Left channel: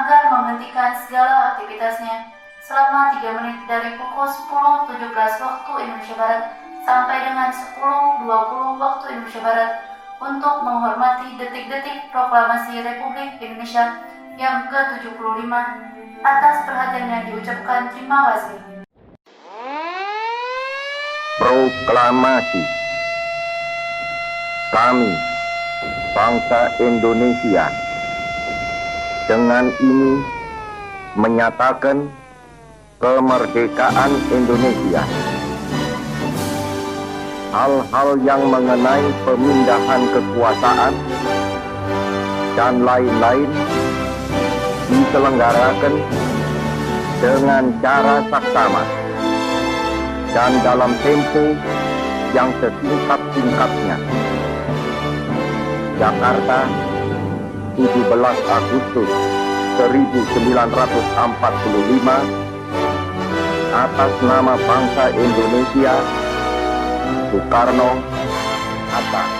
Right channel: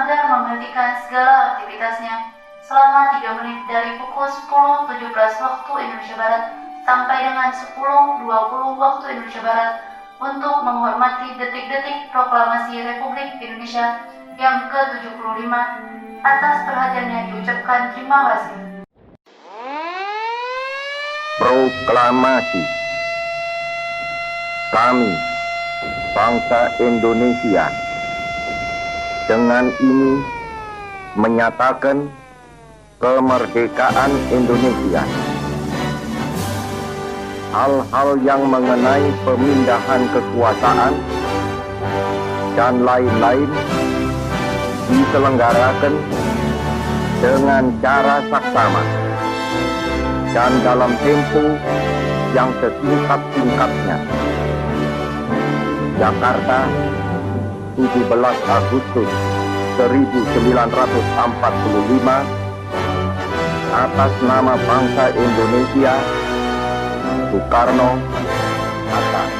agar menghentikan segala aktivitasnya selama 3 menit dari pukul 10.17 waktu Indonesia Barat sampai dengan 10.20 waktu Indonesia Barat untuk menghormati detik-detik proklamasi Republik Indonesia yang ke-75. Atas perhatiannya diucapkan terima kasih. Proklamasi. Kami, bangsa Indonesia, dengan ini menyatakan kemerdekaan Indonesia. Hal-hal yang mengenai pemindahan kekuasaan dan lain-lain diselenggarakan dengan cara saksama dan dalam tempo yang sesingkat-singkatnya. Jakarta, 17 Agustus 1945, atas nama bangsa Indonesia, Soekarno, Hatta.